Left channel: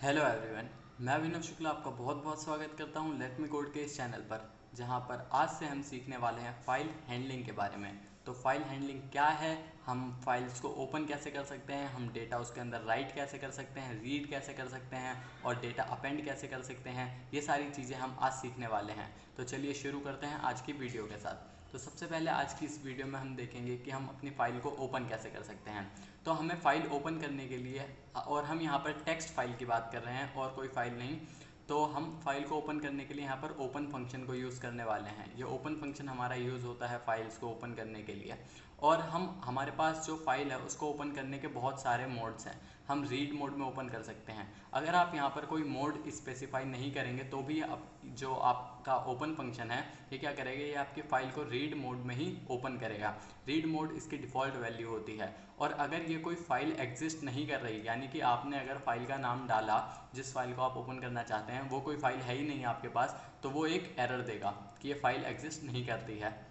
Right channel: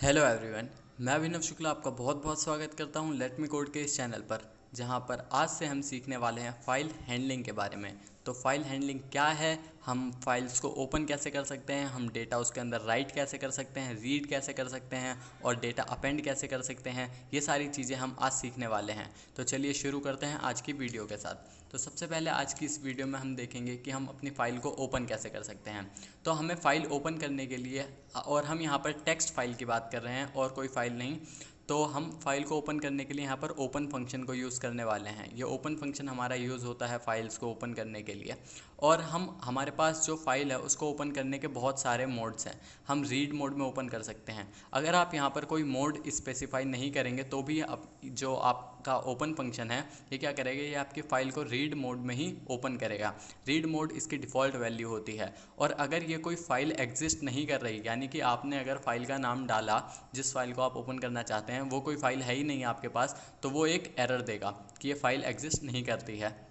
Hello everyone. मैं अभिनव शुक्ला आपका बहुत बहुत स्वागत करता हूं लेट मी कोड के इस चैनल पर, जहां पर आज से हम सीखने वाले हैं फ़ाइल हैंडलिंग के बारे में। तो फ़ाइल हैंडलिंग क्या है, हम फाइल्स को ओपन कैसे कर सकते हैं, हम डेटा उसके अंदर राइट कैसे कर सकते हैं, रीड कैसे कर सकते हैं और डेटा अपेंड कैसे कर सकते हैं, ये सारी चीज़ें हम आज सीखने वाले हैं। तो चलिए शुरू करते हैं आज की वीडियो के साथ। तो सबसे पहले आज की इस वीडियो में हम देखेंगे कि हम अपनी फ़ाइल को ओपन कैसे कर सकते हैं। तो हमें फ़ाइल ओपन करने के लिए, और हम यहाँ पर टेक्स्ट फाइल की बात कर रहे हैं और कोई फ़ाइल नहीं, तो हम फाइल को ओपन करने के लिए यहाँ पर ओपन फंक्शन को यूज़ करने वाले हैं। ये ओपन फंक्शन हमारा यूज़ होता है फाइल्स को ओपन करने के लिए। और हमारे पास जो फाइल है उसको ओपन करने के बहुत सारे मोड्स हैं। हम रीड मोड में ओपन कर सकते हैं। अगर आप यहाँ पर कोई मोड स्पेसिफाई नहीं करेंगे तो भी जो आपका ओपन फंक्शन है ये क्या करेगा, ये आपकी फ़ाइल को रीड मोड में ही ओपन करेगा। रीड मोड इसकी डिफ़ॉल्ट वैल्यू होती है। और अगर ये कोई फ़ाइल एग्जिस्ट नहीं कर रही, यानी कि आपने अगर फ़ाइल का नाम डाला जिस फाइल को आप ओपन करना चाहते हैं वो कोई फ़ाइल है ही नहीं आपके पास, तो वो एक एरर देगा कि ये फ़ाइल एग्जिस्ट नहीं करती है।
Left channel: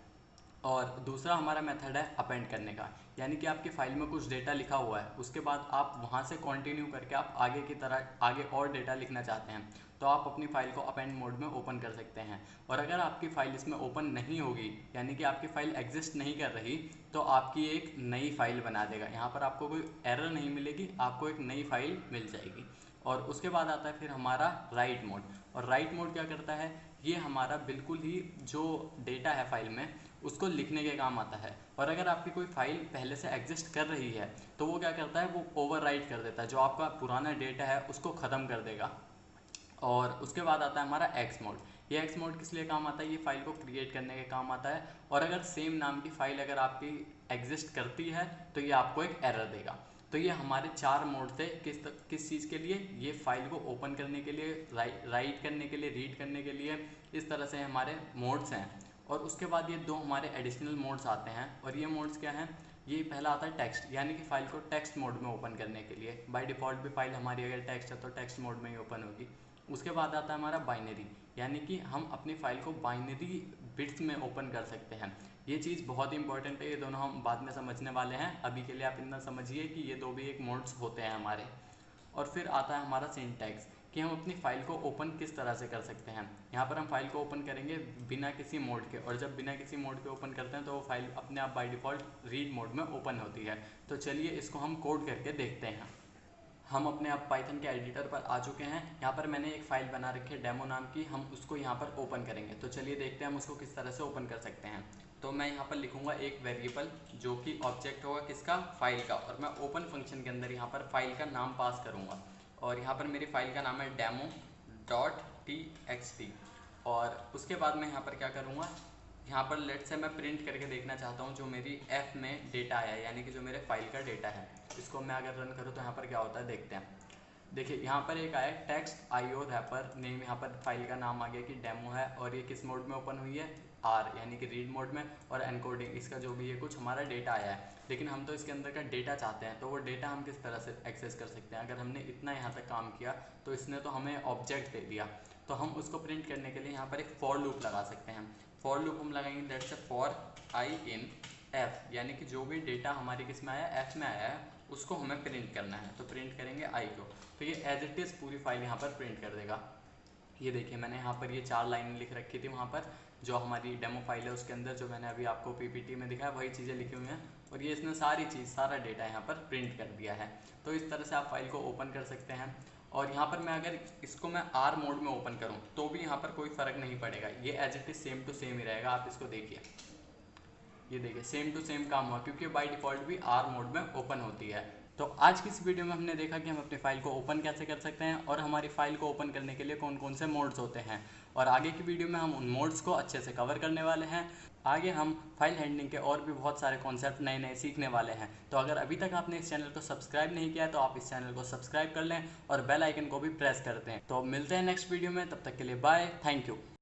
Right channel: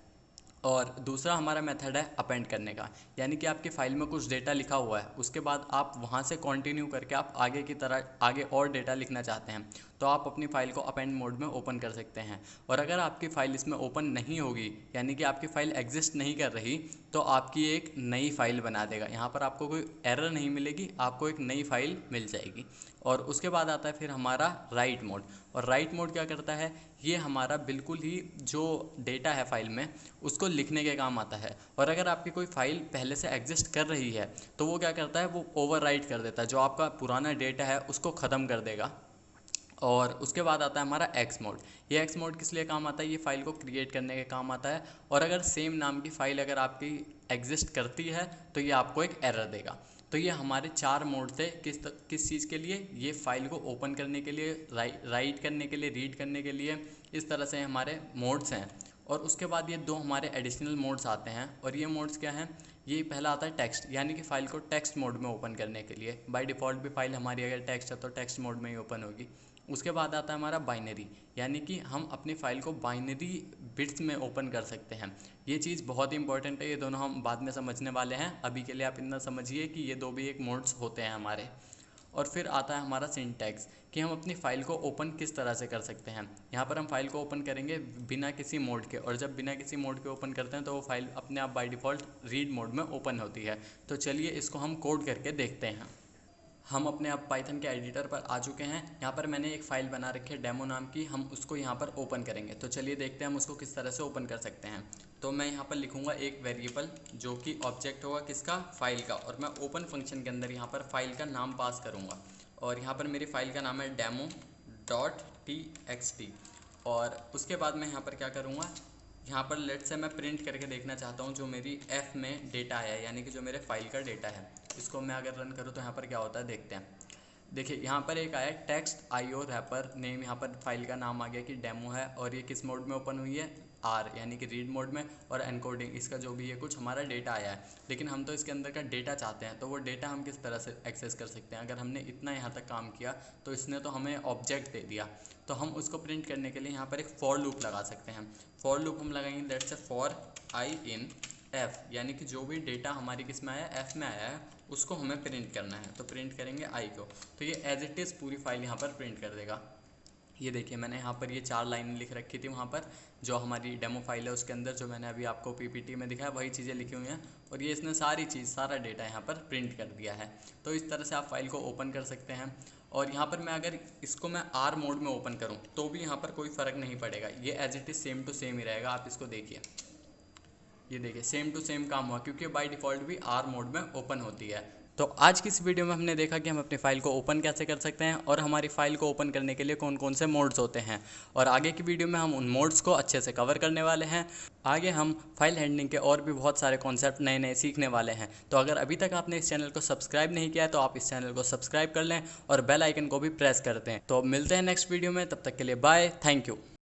और दूसरा हमारा मेथड है अपेंड करने का, यानी कि आपकी फ़ाइल में कुछ डेटा लिखा हुआ है, उसके बाद आप वहाँ से कंटिन्यू करके आप आगे की तरह आगे और डेटा लिखना चाहते हैं, तो आप अपनी फ़ाइल को अपेंड मोड में ओपन कर सकते हैं। और अगर आपकी फ़ाइल इसमें ओपन नहीं होगी, यानी कि आपकी फ़ाइल एग्जिस्ट नहीं कर रही, तो आपकी एक नई फ़ाइल बना देगा। यहाँ पर आपको कोई एरर नहीं मिलेगी, आपको एक नई फ़ाइल मिल जाएगी। और उसके बाद आता है फिर हमारा राइट मोड। और राइट मोड क्या करता है, ये हमारा बिल्कुल ही जो डेटा है फाइल में उसको लिखने के काम आता है। और अगर आपकी कोई फ़ाइल पहले से एग्जिस्ट कर रही है तो वो क्या करता है, वो ओवरराइट कर देता है, जो आपका पुराना डेटा है उसको ख़त्म कर देगा। और उसके बाद आता है हमारा एक्स मोड। ये एक्स मोड किस लिए काम आता है, ये फ़ाइल को क्रिएट करने के काम आता है। और अगर सेम नाम की फ़ाइल अगर आपकी एग्जिस्ट करती है तो ये आपको एक एरर देगा। तो ये हमारे चार मोड थे। किस चीज़ के लिए, ये फ़ाइल को ओपन करने के लिए, राइट करने के लिए, रीड करने के लिए, इस तरह से हमारे मोड्स हैं। और उसके बाद ये दो हमारे एडिशनल मोड्स आते हैं। और ये मोड्स क्या हैं, ये पहला आता है टेक्स्ट, यानी कि फ़ाइल को टेक्स्ट मोड में ओपन करने के लिए। बाय डिफ़ॉल्ट भी फाइल हमारी अगर टेक्स्ट है तो टेक्स्ट मोड में ही ओपन होगी। उसके बाद आता है हमारा बाइनरी, यानी कि हम अपनी फ़ाइल को बाइनरी बिट्स में ओपन कर सकते हैं। ये चीज़ बहुत ही इंपॉर्टेंट है, ये दोनों हम बाद में समझने वाले हैं। अभी के लिए आप इतना समझिए कि ये दो भी एक मोड्स होते हैं हमारे। और फिर आता है हमारा सिंटैक्स, कि हम अपनी फ़ाइल को ओपन किस तरह से कर सकते हैं। यहाँ पर हम फाइल को ओपन करेंगे बिना किसी मोड के, और जब बिना किसी मोड के ओपन करते हैं तो वो फाइल अपने आप बाय डिफ़ॉल्ट रीड मोड में ओपन होती है। तो चलिए इसको हम कोड करके देखते हैं। हम अपने आप पाइथन के एडिटर पर आ चुके हैं। यहाँ पर मैंने एक फ़ाइल बना रखी है डेमो नाम की, हम उसको यहाँ पर ओपन करेंगे। तो चलिए देखते हैं हम उसको किस तरह से ओपन कर सकते हैं। तो मैं यहाँ पर लिखूँगा एक वेरिएबल जो कि ऑब्जेक्ट होगा किसका, फ़ाइल का, और मैं ओपन फंक्शन के अंदर यहाँ पर फ़ाइल का नाम पास करूँगा। और यहाँ पर मेरी फ़ाइल का नाम है demo.txt। और उसके बाद मैं यहाँ पर क्या करूँगा, यहाँ पर लेट से मैं प्रिंट करके देखना चाहता हूँ जो मेरी एफ में डेटा आया, यानी कि जो मेरे फाइल का डेटा है। इसको मैं अगर रन करूँ तो यहाँ पर क्या होता है देखते हैं। देखिए यहाँ पर एक आया टेक्स्ट आईओ रैपर नेम, यहाँ पर फाइल का नाम आ गया कि डेमो है। और ये किस मोड में ओपन हुई है, आर, यानी कि रीड मोड में। और एनकोडिंग इसका जो भी है कुछ हमारा डेटा आया है, लेकिन हम तो इसके अंदर का डेटा चाहते हैं। तो वो डेटा हम किस तरह से एक्सेस कर सकते हैं, अगर हमने इतना यहाँ तक काम किया तो इसने तो हमें ऑब्जेक्ट दे दिया। तो हम उसको प्रिंट करने के लिए यहाँ पर एक फॉर लूप लगा सकते हैं। फॉर लूप हम लगाएंगे लेट से फॉर आई इन एफ, यानी कि जो भी डेटा हमारी किस में आया, एफ में आया है, उसको हमें प्रिंट करना है। तो प्रिंट करेंगे आई को, तो ये एज इट इज़ पूरी फाइल यहाँ पर प्रिंट कर देगा। ये देखिए मैंने यहाँ पर ये 4 लाइनें लिख रखी थी, वहाँ पर जो हमारी डेमो फाइल है उसके अंदर जो मैंने अभी आपको पीपीटी में दिखाया वही चीज़ें लिखी हुई हैं। और ये इसने सारी चीज़, सारा डेटा यहाँ पर प्रिंट कर दिया है। तो इस तरह से आप फाइल को ओपन कर सकते हैं। और यहाँ पर मैं अगर इसको मैं आर मोड में ओपन करूँ तो भी यहाँ पर कोई फ़र्क नहीं पड़ेगा, ये as it is same to same ही रहेगा। आप इसको देखिए, ये देखिए सेम टू सेम काम हुआ, क्योंकि बाय डिफ़ॉल्ट भी आर मोड में ओपन होती है। तो आज की इस वीडियो में हमने देखा कि हम अपनी फ़ाइल को ओपन कैसे कर सकते हैं और हमारी फ़ाइल को ओपन करने के लिए कौन कौन से मोड्स होते हैं। और आगे की वीडियो में हम उन मोड्स को अच्छे से कवर करने वाले हैं। आगे हम फाइल हैंडलिंग के और भी बहुत सारे कॉन्सेप्ट नए नए सीखने वाले हैं। तो अगर अभी तक आपने इस चैनल को सब्सक्राइब नहीं किया है तो आप इस चैनल को सब्सक्राइब कर लें और बेल आइकन को भी प्रेस करते हैं। तो मिलते हैं नेक्स्ट वीडियो में, तब तक के लिए बाय, थैंक यू।